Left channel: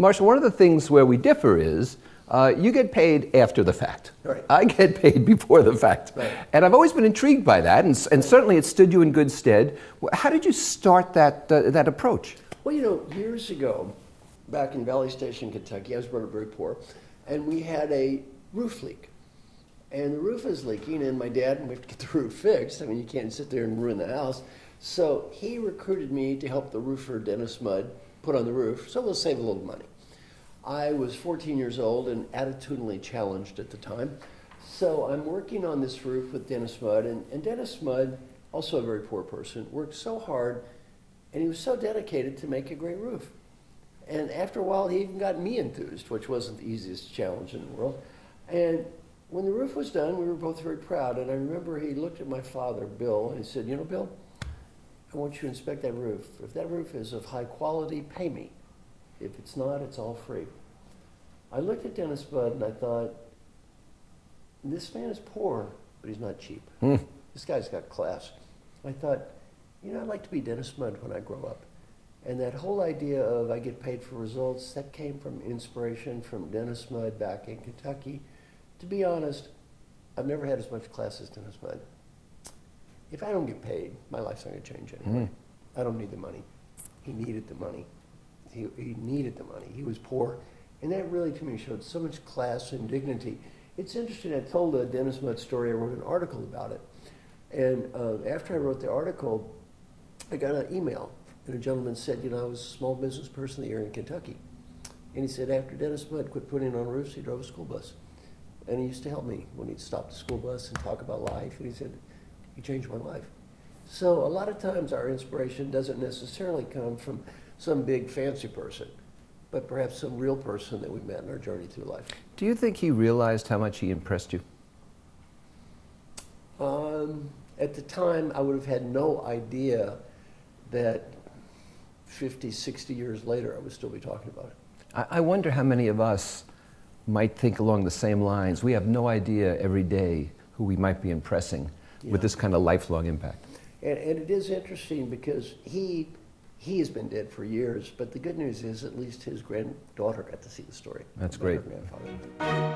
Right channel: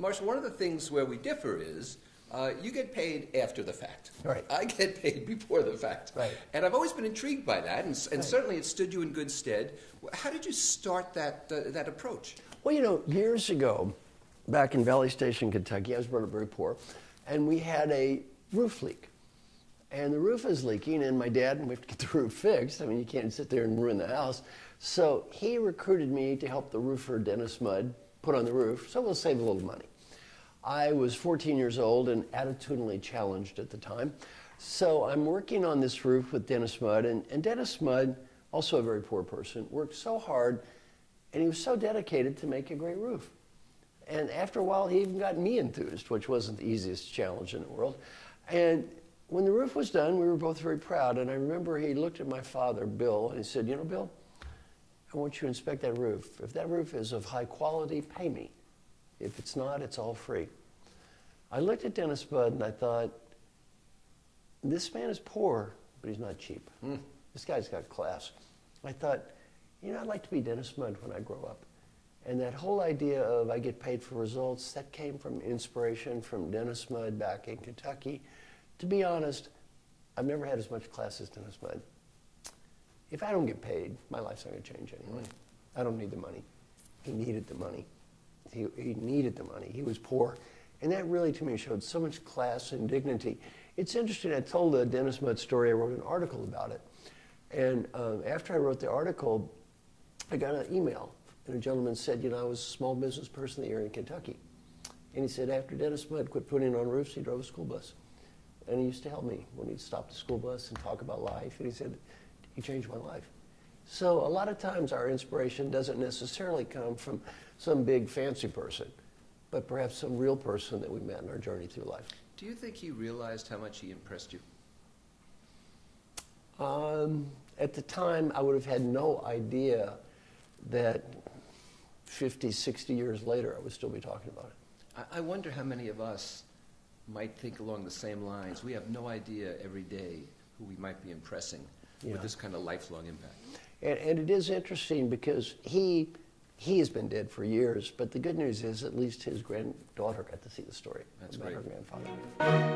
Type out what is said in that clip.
Marshall, one of the things where we differ is you get paid after the fact. Right. I get paid before the fact. Right. And I've always been intrigued by that, and certainly it stood you in good stead. How did you start that approach? Well, you know, years ago, back in Valley Station, Kentucky, I was very poor, and we had a roof leak. And the roof is leaking, and my dad, we have to get the roof fixed. I mean, you can't sit there and ruin the house. So he recruited me to help the roofer, Dennis Mudd, put on the roof, so we'll save a little money. I was 14 years old and attitudinally challenged at the time. So I'm working on this roof with Dennis Mudd, and Dennis Mudd, also a very poor person, worked so hard, and he was so dedicated to make a great roof. And after a while, he even got me enthused, which wasn't the easiest challenge in the world. And when the roof was done, we were both very proud, and I remember he looked at my father, Bill, and he said, you know, Bill, I want you to inspect that roof. If that roof is of high quality, pay me. If it's not, it's all free. I looked at Dennis Mudd and I thought, this man is poor, but he's not cheap. This guy's got class. I thought, you know, I'd like to be Dennis Mudd when I grow up. And that whole idea of I get paid for results, that came from inspiration from Dennis Mudd back in Kentucky. To be honest, I've never had as much class as Dennis Mudd. If I don't get paid, my life's not going to change anyway. I don't need the money. He needed the money. He needed the money. He was poor. And that really, to me, showed so much class and dignity. It's interesting, I told a Dennis Mudd story, I wrote an article about it. And after I wrote the article, I got an email. And a gentleman said, you know, I was a small business person here in Kentucky. And he said, after Dennis Mudd quit putting on roofs, he drove a school bus. And he used to help me when he'd stop the school bus and talk about life. And he said, he changed my life. So a lot of times our inspiration doesn't necessarily come from some big fancy person, but perhaps some real person that we met in our journey through life. Do you think he realized how much he impressed you? At the time, I would have had no idea that 50, 60 years later, I would still be talking about it. I wonder how many of us might think along the same lines. We have no idea every day who we might be impressing with this kind of lifelong impact. And it is interesting because he has been dead for years, but the good news is at least his granddaughter got to see the story. That's great. Her grandfather.